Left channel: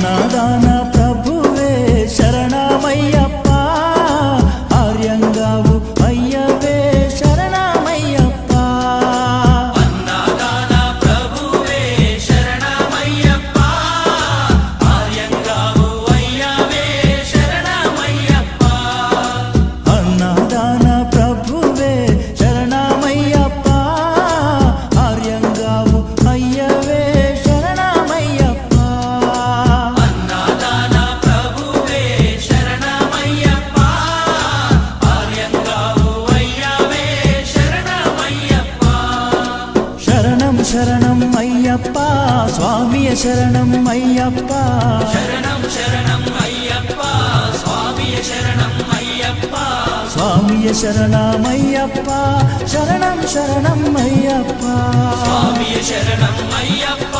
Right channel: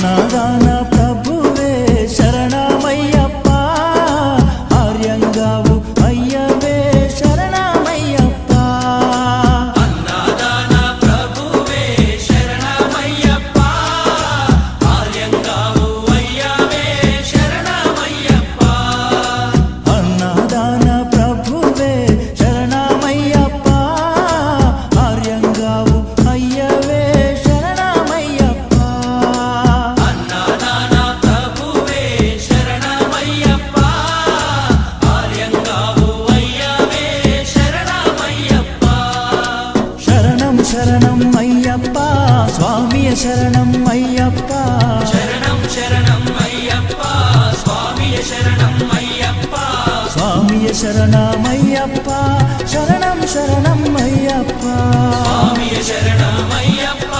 అన్నదాన ప్రభువే శరణమయ్యప్ప, ఆర్యంగావు అయ్యవే శరణమయ్యప్ప. అన్నదాన ప్రభువే శరణమయ్యప్ప, ఆర్యంగావు అయ్యవే శరణమయ్యప్ప. అన్నదాన ప్రభువే శరణమయ్యప్ప, ఆర్యంగావు అయ్యవే శరణమయ్యప్ప. అన్నదాన ప్రభువే శరణమయ్యప్ప, ఆర్యంగావు అయ్యవే శరణమయ్యప్ప. శరణం శరణం అయ్యప్ప, స్వామియ శరణం అయ్యప్ప. శరణం శరణం అయ్యప్ప, స్వామియ శరణం అయ్యప్ప. స్వామియ శరణమయ్యప్ప, శరణం శరణం అయ్యప్ప. స్వామియ శరణం అయ్యప్ప.